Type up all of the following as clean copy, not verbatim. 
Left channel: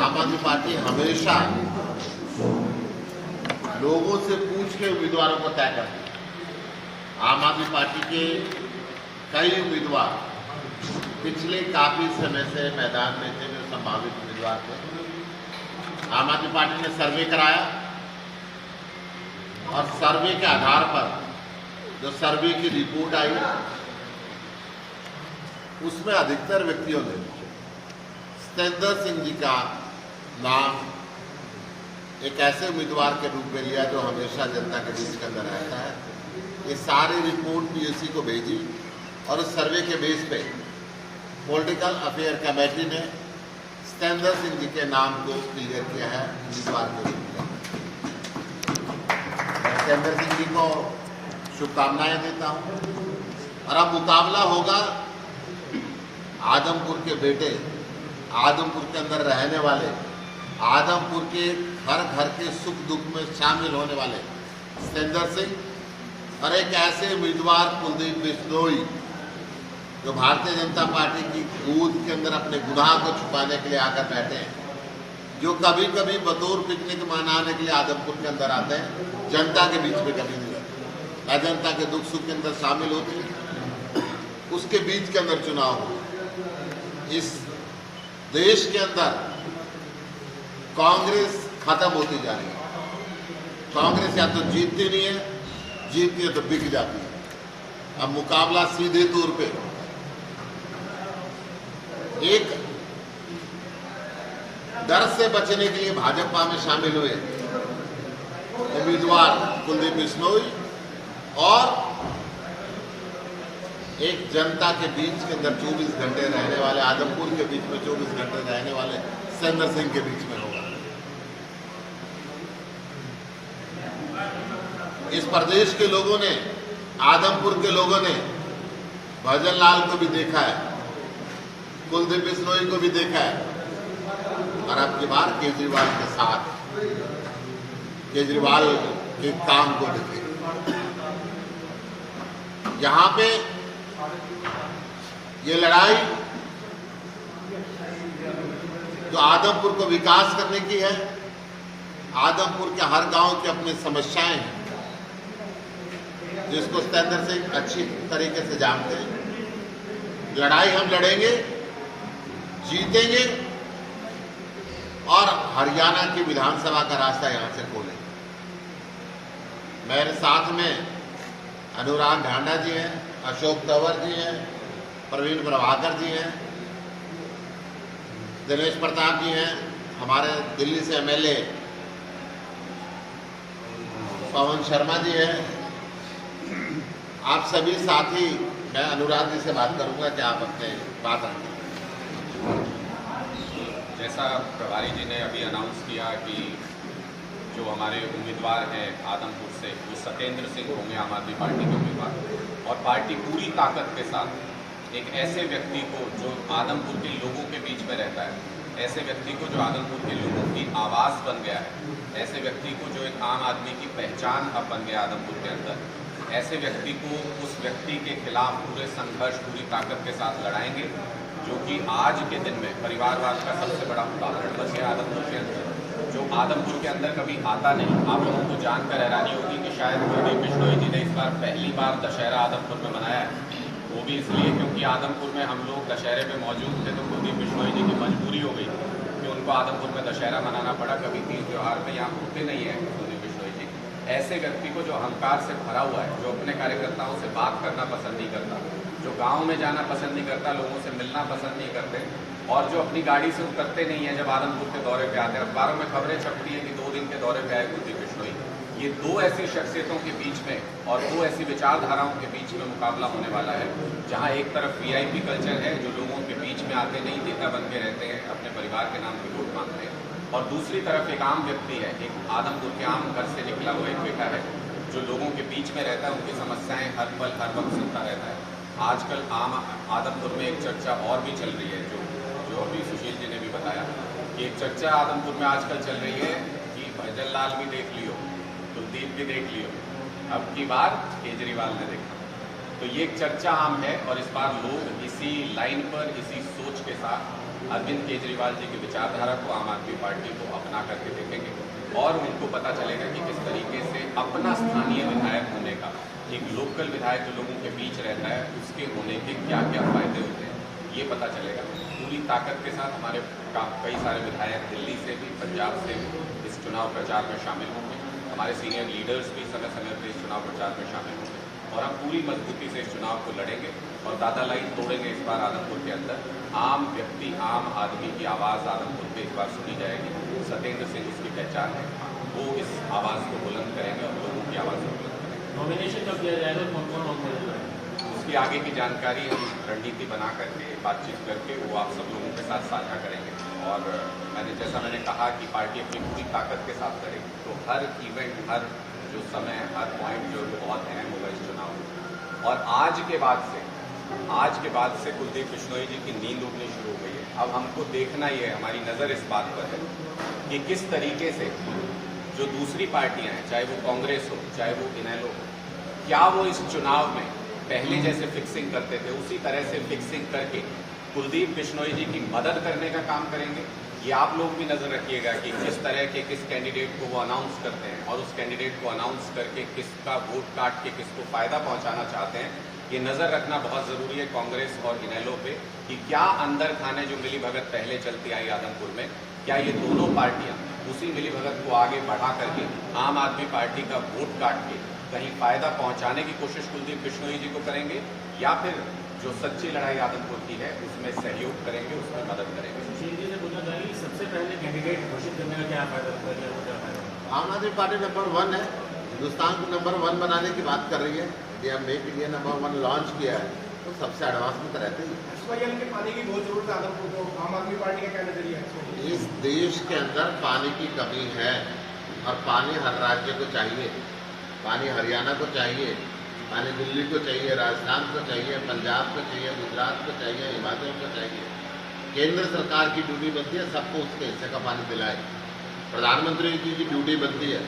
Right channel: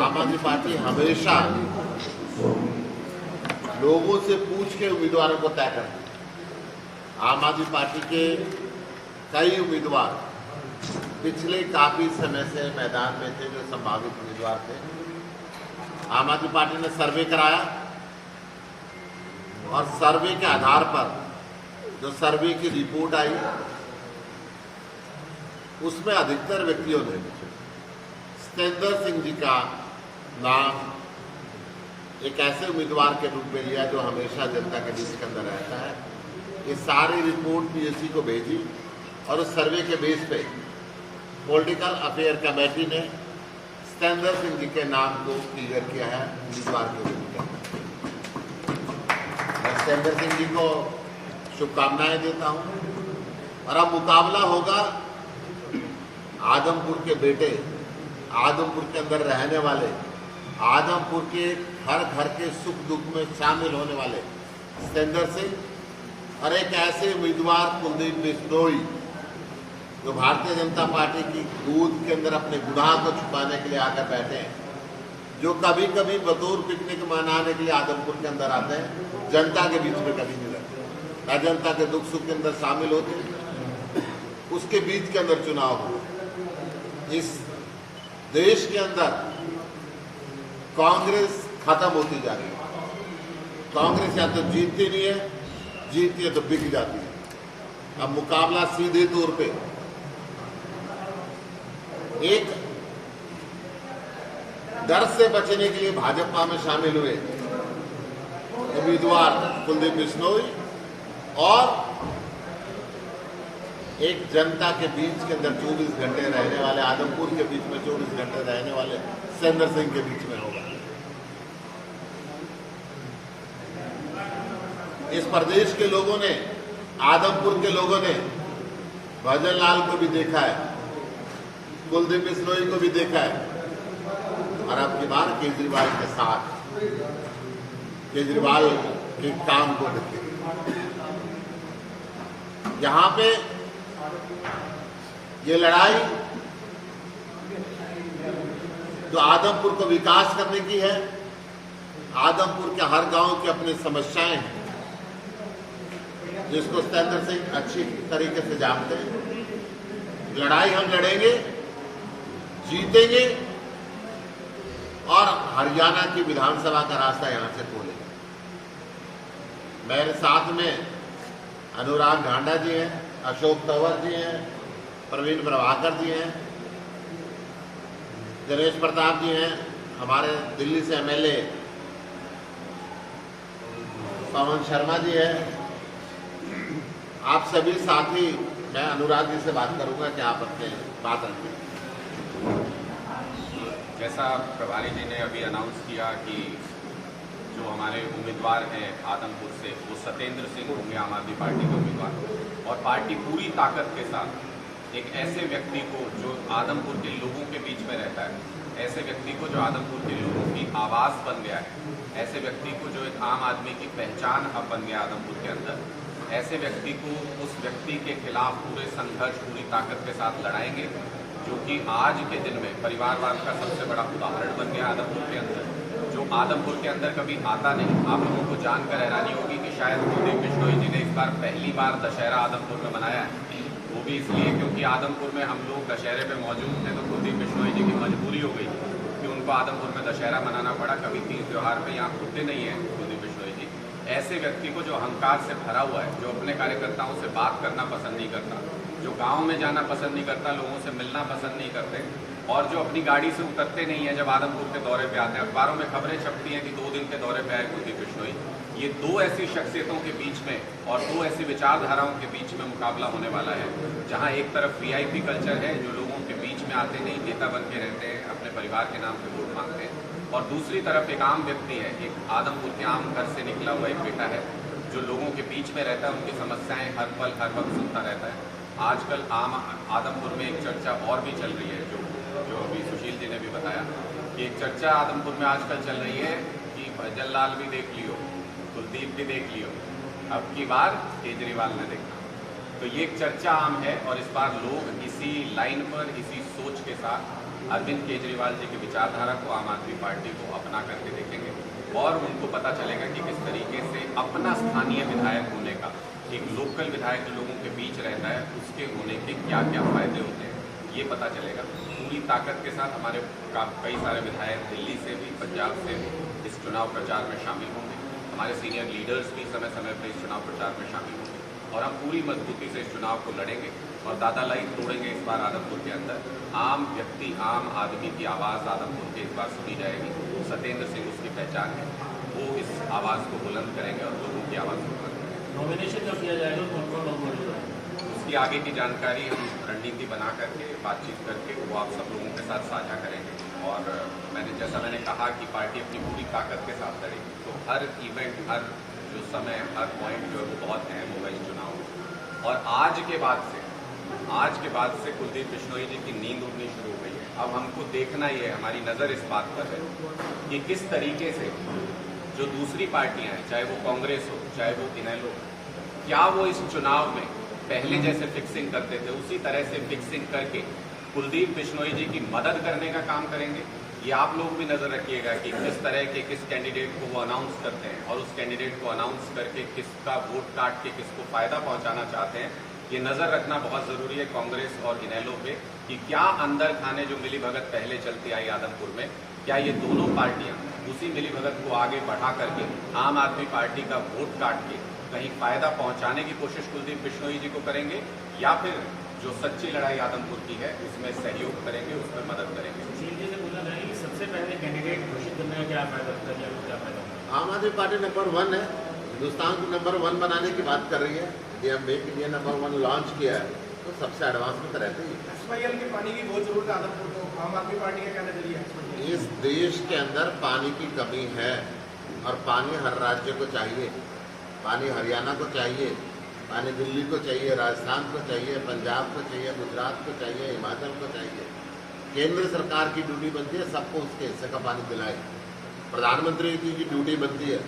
आम आदमी पार्टी हमेशा लोगों से पूछ के उम्मीदवारों को तय करती है। आम आदमी पार्टी के कई उम्मीदवार पिछले काफी समय से मैदान में थे, जो संभावित उम्मीदवार थे। आम आदमी पार्टी ने सर्वे कराया और सर्वे के आधार पर जो सर्वे की रिपोर्ट आई, उसमें अधिकतर व्यक्तियों ने सतेंद्र सिंह जी का नाम एक ऐसे उम्मीदवार के रूप में लिया जो हमेशा जनता के बीच के अंदर रहता है। ये सारी रिपोर्ट पीएससी को भेजी और उस सर्वे के बेस पे पॉलिटिकल अफेयर कमेटी ने सतेंद्र सिंह जी के नाम को क्लियर किया है उम्मीदवार के रूप में। मैं सतेंद्र सिंह जी को शुभकामनाएं देता हूं। और अब मुकाबला होगा आदमपुर के बेटे, आदमपुर के अंदर रहने वाले, आदमपुर के हर घर के सुख दुख में शामिल होने वाले सतेंद्र सिंह और एक ऐसे उम्मीदवार कुलदीप बिश्नोई जो भारतीय जनता पार्टी की गोद के अंदर अपने गुनाह को छुपाने के लिए आकर बैठे हैं, जो कभी कभी बतौर पिकनिक मनाने के लिए आदमपुर के अंदर आते हैं, जनता के बीच में कभी नहीं रहते, जनता के दुख सुख के अंदर शामिल होते हैं। उसके बीच के अंदर चुनाव हो। इस देश के अंदर कांग्रेस खत्म होती जा रही है। कांग्रेस या तो जीतती नहीं है, जीतती है तो बिक जाती है। अब मुकाबला सीधे तौर पे एक डर से बचने के लिए भाजपा में शामिल हुए उम्मीदवार कुलदीप बिश्नोई और एक जनता के बीच के अंदर 24 घंटे रहने वाले, आदमपुर के बीच में 24 घंटे रहने वाले सतेंद्र सिंह के बीच में होगा। इस प्रदेश के लोगों ने, आदमपुर के लोगों ने भजन लाल को भी देखा है, कुलदीप बिश्नोई को भी देखा है और अब की बार केजरीवाल के साथ केजरीवाल के काम को देखें। यहां पे ये लड़ाई जो आदमपुर को विकास करने की है, आदमपुर के हर गांव की अपनी समस्याएं हैं, जिसको सतेंद्र सिंह अच्छी तरीके से जानते हैं। लड़ाई हम लड़ेंगे, जीतेंगे और हरियाणा की विधानसभा का रास्ता यहां से खोलेंगे। मेरे साथ में अनुराग ढांडा जी हैं, अशोक तंवर जी हैं, प्रवीण प्रभाकर जी हैं, दिनेश प्रताप जी हैं, हमारे दिल्ली से एमएलए पवन शर्मा जी हैं। आप सभी साथी, मैं अनुराग जी से बात करूंगा कि आप अपने बात रखें। जैसा प्रभारी जी ने अभी अनाउंस किया कि जो हमारे उम्मीदवार हैं आदमपुर से, वो सतेंद्र सिंह होंगे आम आदमी पार्टी के उम्मीदवार। और पार्टी पूरी ताकत के साथ एक ऐसे व्यक्ति को जो आदमपुर के लोगों के बीच में रहता है, ऐसे व्यक्ति को जो आदमपुर के लोगों की आवाज़ बन गया है, ऐसे व्यक्ति को जो एक आम आदमी की पहचान अब बन गया आदमपुर के अंदर, ऐसे व्यक्ति को, उस व्यक्ति के खिलाफ पूरे संघर्ष पूरी ताकत के साथ लड़ाएंगे, जो कि आज के दिन में परिवारवाद का सबसे बड़ा उदाहरण बन गया आदमपुर के अंदर, जो आदमपुर के अंदर कभी आता नहीं। आप लोगों को जानकर हैरानी होगी कि शायद कुलदीप बिश्नोई जी ने इस बार पहली बार दशहरा आदमपुर में मनाया है। वो भी इसलिए क्योंकि आदमपुर में हम लोग दशहरे में मौजूद थे, तो कुलदीप बिश्नोई जी की मजबूरी हो गई कि उनको आदमपुर में दशहरा मनाना पड़ा। कभी तीज त्योहार में यहाँ होते नहीं है कुलदीप बिश्नोई जी। ऐसे व्यक्ति को जो अहंकार से भरा हुआ है, जो अपने कार्यकर्ताओं से बात करना पसंद नहीं करता, जो गांव में जाना पसंद नहीं करता, लोगों से मिलना पसंद नहीं करते और जो अपनी गाड़ी से उतरते नहीं है जब आदमपुर के दौरे पे आते हैं। अखबारों में खबरें छपती हैं कि 2 दिन के दौरे पे आए कुलदीप बिश्नोई। ये 2 ऐसी शख्सियतों के बीच में और 2 ऐसी विचारधाराओं के बीच में मुकाबला होने वाला है, जहां एक तरफ वीआईपी कल्चर है, जो लोगों के बीच में आते नहीं, नेता बन के रहते हैं, अपने परिवार के नाम पे वोट मांगते हैं, और दूसरी तरफ एक आम व्यक्ति है, एक आदमपुर के आम घर से निकला हुआ एक बेटा है, जो लोगों के बीच में रहता है, उनकी समस्याएं हर पल हर वक्त सुनता रहता है। आजकल आदमपुर में एक चर्चा और भी चल रही है, जो अभी सुशील जी ने भी बताया कि एक चर्चा आदमपुर में आजकल चल रही है कि भजन लाल भी देख लियो, कुलदीप भी देख लियो, अब की बार केजरीवाल ने देखा। तो ये एक चर्चा आम है और इस बार लोग इसी लाइन पर, इसी सोच के साथ अरविंद केजरीवाल जी की विचारधारा को, आम आदमी पार्टी को अपना करके देखेंगे और उनको पता चलेगा कि किस तरीके से अपना स्थानीय विधायक होने का, एक लोकल विधायक जो लोगों के बीच रहता है, उसके होने के क्या क्या फायदे होते हैं, ये पता चलेगा। पूरी ताकत के साथ हमारे कई सारे विधायक दिल्ली से भी, पंजाब से भी इस चुनाव प्रचार में शामिल होंगे। हमारे सीनियर लीडर्स भी समय समय पर इस चुनाव प्रचार में शामिल होंगे और हम पूरी मजबूती से इस चुनाव को लड़ेंगे और दादालाई तोड़ेंगे। इस बार आदमपुर के अंदर आम व्यक्ति, आम आदमी की आवाज़ आदमपुर में इस बार सुनी जाएगी। सत्येंद्र सिंह उसकी पहचान है, वो इस आवाज़ को बुलंद करेंगे और लोगों की आवाज़ को बुलंद करेंगे। नॉमिनेशन कब किया जाएगा, कौन कौन नॉमिनेशन करेंगे? उसकी आगे की जानकारी हम रणनीति बना करके, बातचीत करके वो आप सब लोगों के साथ साझा करेंगे। और मैंने कहा कि पार्टी अपनी पूरी ताकत के साथ करेगी, तो हर इवेंट, हर जो समय, हर पॉइंट जो बहुत अहम होगा इस चुनाव में। और आज के बाद से कुलदीप बिश्नोई जी की नींद उड़नी शुरू हो गई है। अब हमको देखना ही है, हमारी नज़र इस बात पर है कि किस तरीके से जो दूसरी पार्टियां हैं, चाहे वो कांग्रेस हो, चाहे वो इनेलो हो, क्या वो इस चुनाव में पहले जैसे फिक्सिंग करते थे उसी तरह से फिक्सिंग करके कुलदीप बिश्नोई जी की मदद करने का काम करेंगे। ये आप लोग भी नजर रखिएगा कि किस तरह के किस कैंडिडेट को वो अनाउंस करते हैं और उस कैंडिडेट को अनाउंस करके किसका वोट काट के किसको फायदा पहुंचाना चाहते हैं। ये नजर रखना बहुत जरूरी है कांग्रेस और इनेलो पे कि क्या अंदर खाने जो मिलीभगत पहले चलती आई आदमपुर में, क्या ये दोनों पार्टियां उसी मिलीभगत को आगे बढ़ा करके आम आदमी पार्टी का वोट काट के कहीं फायदा पहुंचाने की कोशिश कुलदीप बिश्नोई जी को करेंगे, या फिर जो सच्ची लड़ाई आदमपुर की है उसमें सहयोग करेंगे, उसमें मदद करेंगे। सीधे से बोलना चाहिए कि सबसे पहले कैंडिडेट घोषित करने का क्या फायदा होता है, क्या फायदा? आम आदमी पार्टी नंबर 1 है, हिंदुस्तान को नंबर 1 बनाने की बात कर रही है। India make India number 1 launch किया है, तो सबसे एडवांस में तो रहते ही। एक्सपेरियल के पानी की बहुत जरूरत है आदमपुर को, आम आदमी पार्टी का क्या नजरिया है? इस देश के अंदर पानी की कमी है और पानी हर राज्य को चाहिए। पानी हरियाणा को चाहिए, पानी दिल्ली को चाहिए, राजस्थान को चाहिए, पंजाब को चाहिए, गुजरात को चाहिए, हिमाचल को चाहिए। केंद्र सरकार की ड्यूटी बनती है सबको उसके हिस्से का पानी दिलाए। प्रधानमंत्री जी की ड्यूटी बनती है।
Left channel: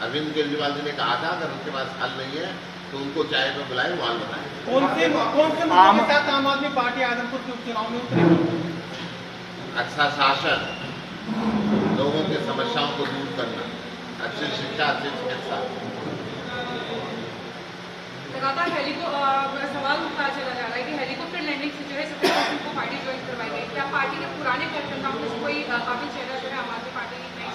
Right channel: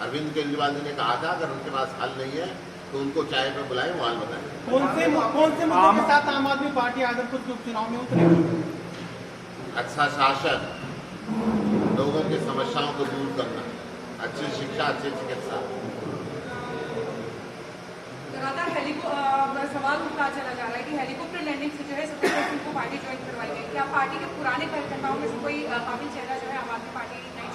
अरविंद केजरीवाल जी ने कहा था अगर उनके पास हल नहीं है तो उनको चाय पे बुलाए, वो हल बताए। कौन से मुद्दों के साथ आम आदमी पार्टी आदमपुर के उपचुनाव में उतरेगी? अच्छा शासन, लोगों की समस्याओं को दूर करना, अच्छी शिक्षा, अच्छी चिकित्सा। लगातार सवाल उठता चला जा रहा है कि हेलीकॉप्टर लैंडिंग से जो है सत्येंद्र सिंह को पार्टी ज्वाइन करवाई गई। क्या पार्टी के पुराने कार्यकर्ताओं में से कोई काबिल चेहरा जो है आम आदमी पार्टी नहीं?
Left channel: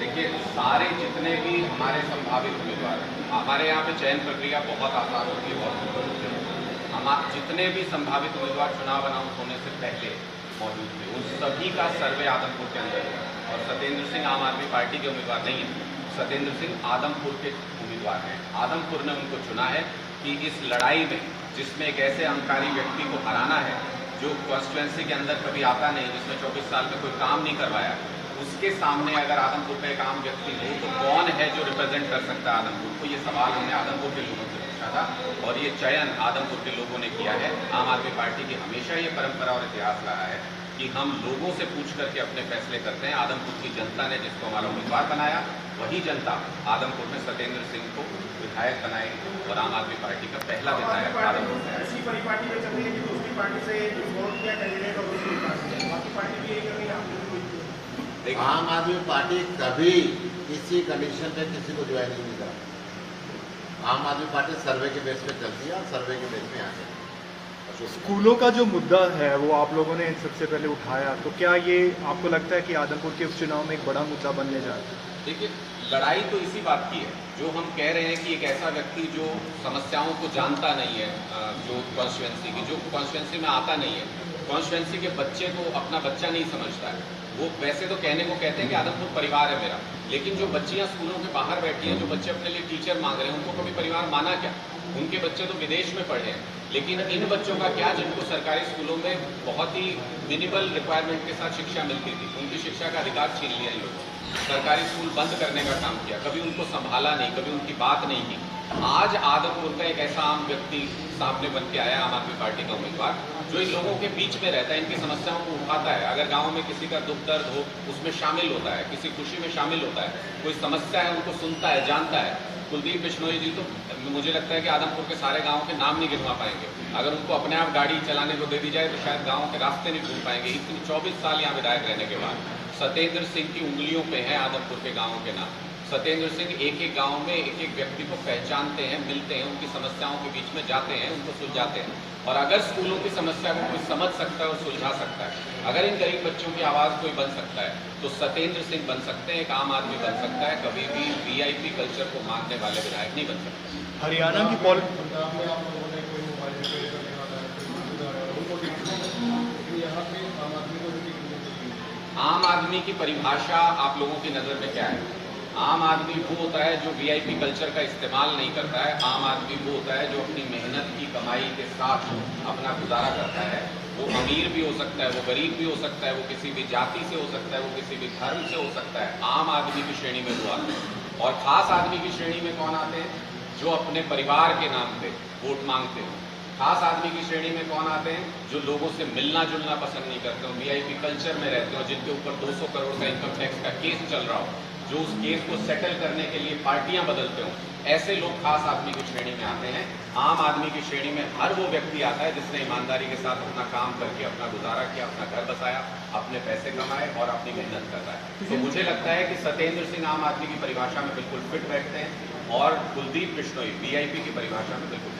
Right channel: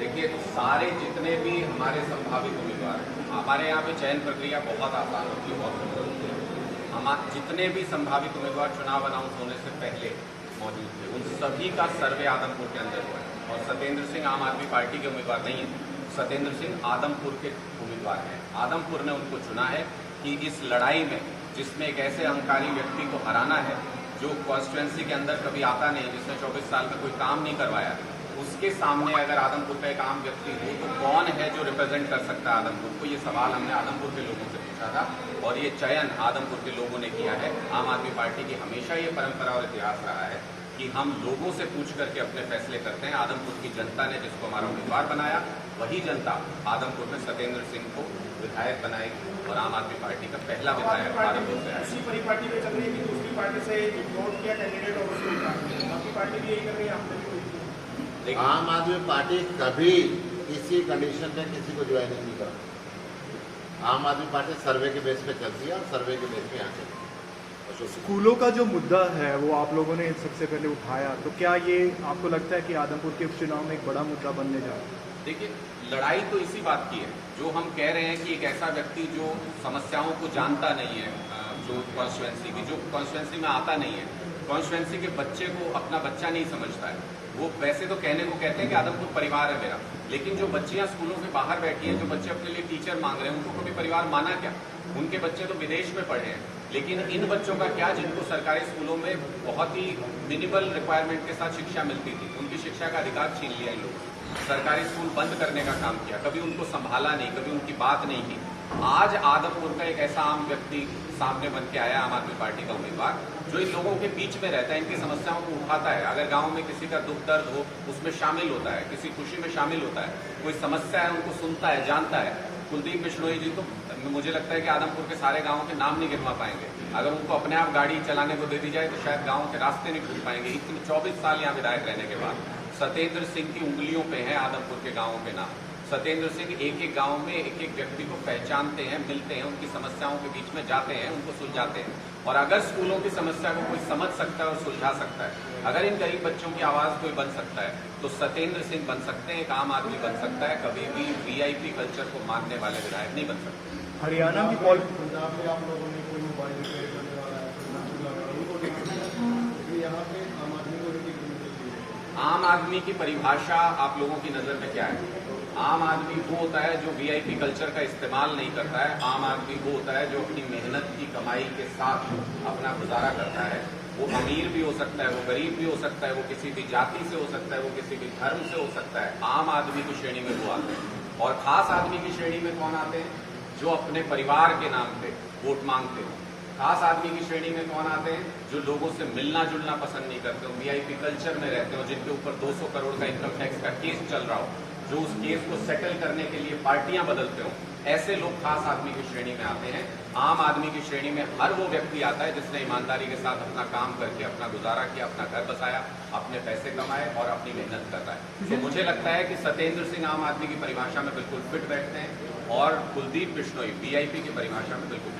देखिए, सारे जितने भी हमारे संभावित उम्मीदवार हैं, हमारे यहाँ पे चयन प्रक्रिया बहुत आसान होती है, बहुत सुंदर होती है। हम जितने भी संभावित उम्मीदवार चुनाव अनाउंस होने से पहले मौजूद थे, उन सभी का सर्वे आदमपुर के अंदर हुआ। और सत्येंद्र सिंह आम आदमी पार्टी के उम्मीदवार नहीं है, सत्येंद्र सिंह आदमपुर के उम्मीदवार हैं। आदमपुर में उनको चुना है कि इस लड़ाई में, जिसमें एक ऐसे अहंकारी व्यक्ति को हराना है जो कॉन्स्टिट्यूएंसी के अंदर कभी आता नहीं, जिसने 24 साल में कोई काम नहीं करवाया, उसके सामने अगर आदमपुर का एक आम व्यक्ति हो तो कौन है जो रिप्रेजेंट कर सकता है आदमपुर को। ये सवाल हमने आदमपुर के लोगों से पूछा था और ये चयन आदमपुर के लोगों ने किया है। आम आदमी पार्टी की हमेशा ये परंपरा और इतिहास रहा है कि हम लोगों से पूछ करके अपने फैसले करते हैं। आदमपुर की जनता ने जिसको हमारा उम्मीदवार बनाया, वही जनता आदमपुर में सत्येंद्र सिंह को विधायक बनाएगी और आम आदमी पार्टी का पहला विधायक आदमपुर से। ऐसी परिपाटी में चल रही है कि दूसरी पार्टी से वोट किया कैंडिडेट और उसको उतार दिया। बाकी पार्टी भी यही कर रही है, आप आम आदमी पार्टी कभी किसी कंडीशन में किसी को ज्वाइन नहीं करा। आम आदमी पार्टी सर्वे के बेस पे चलती है और सर्वे के बेस पे यहाँ से। स्कूलों का जो मुद्दा है वो आप लोगों ने सबसे पहले उठाया, तो क्या ये आपको लगता है कि आदमपुर के उपचुनाव में एक बड़ा मुद्दा बनने जा रहा है? देखिए, लड़ाई तो इसी बात की है, जो हम कह रहे हैं कि एक ऐसा व्यक्ति जो समस्याओं को जानता नहीं है, जो कॉन्स्टिट्यूएंसी में आता नहीं है, कॉन्स्टिट्यूएंसी के बच्चे को अपना बच्चा नहीं समझता है। वो वैसे तो कहने को कहते हैं कि आदमपुर परिवार है मेरा, लेकिन जो बच्चियां स्कूलों के बाहर बैठी हैं, जो बच्चे अपने लिए टीचर मांग रहे हैं, उनको कभी परिवार माना क्या? उनके बच्चे तो विदेश में पढ़े हैं, लेकिन इन बच्चों का क्या जिनको सरकारी स्कूलों में बहुत ही मिनिमल रिक्वायरमेंट के साथ शिक्षा मिलती थी, उनकी शिक्षा का अधिकार छीन लिया इन लोगों ने। सरकारी स्कूल बंद करने का काम किया, कभी उनको संभाला नहीं, कभी उनकी बात नहीं की। आज आदमपुर का एक ऐसा आम व्यक्ति सामने बन के आया, आम आदमी पार्टी का उम्मीदवार, जो इन लोगों के बीच में रहता है, इनकी समस्याओं को उठाता है। अगर गांव में किसी का दुख दर्द हो उसमें शामिल होता है, किसी खुशी में शामिल होता है, कोई समस्या है उनको सुनता है, जानता है। कुलदीप बिश्नोई जी तो मुझे लगता है कि आदमपुर के सारे गांवों के नाम नहीं गिनवा पाएंगे। अगर उनको अपने आप गाड़ी चलाने को दे दी जाए तो शायद गांवों के रास्ते नहीं घूम पाएंगे। इतनी 24 साल यहाँ विधायक रहने के बाद सत्येंद्र सिंह की उंगलियों पे है आदमपुर के गांवों के नाम। सत्येंद्र सिंह एक एक गांव में एक एक व्यक्ति को पहचानते हैं, मिलते हैं, उनकी समस्याओं के बीच में जाते हैं, उनको सुलझाते हैं। और अगर स्कूलों की समस्या को कोई समझ सकता है और सुलझा सकता है, अगर इन गरीब बच्चों की आवाज़ कोई बन सकता है तो सत्येंद्र सिंह बन सकते हैं, एक आम आदमी बन सकता है। कभी भी वीआईपी कल्चर को मानने वाले विधायक नहीं बन सकते। हरियाणा की पॉल पंजाब में आप लोगों ने कोई मोबाइल रिपेयर करने वाला है, उनको टिकट दी, लेकिन यहाँ पे आम आदमी को टिकट नहीं मिलती। आम आदमी की परिभाषा आप लोगों की नज़र में क्या है? आम आदमी वो होता है जो वीआईपी कल्चर का इस्तेमाल नहीं करता है। आम आदमी वो होता है जो अपनी मेहनत की कमाई के साथ अपना गुजारा करता है। वो अमीर भी हो सकता है, वो गरीब भी हो सकता है, वो किसी भी जाति से हो सकता है, वो किसी भी धर्म से हो सकता है। आम आदमी की श्रेणी में वो आते हैं। और खास आदमी की श्रेणी में कौन आते हैं? जो अपने परिवार के नाम पे वोट मांगते हो। खास आदमी की श्रेणी में कौन आते हैं? जो लोगों से मिलना जुलना पसंद नहीं करते हो, वीआईपी कल्चर में रहते हो, जिनके ऊपर 200 करोड़ का इनकम टैक्स का केस चल रहा हो, जो उस केस को सेटल करने के लिए पार्टियां बदलते हो, ऐसे लोग खास आदमी की श्रेणी में आते हैं। आम आदमी की श्रेणी में हर वो व्यक्ति आता है जिसने ईमानदारी के साथ अपना काम करके अपना गुजारा किया, अपना घर बसाया, अपने पैसे कमाए और अपनी मेहनत करता है। तो मुझे लगता है कि सत्येंद्र सिंह आम आदमी की परिभाषा में बिल्कुल फिट बैठते हैं और कुलदीप बिश्नोई वीआईपी की परिभाषा में बिल्कुल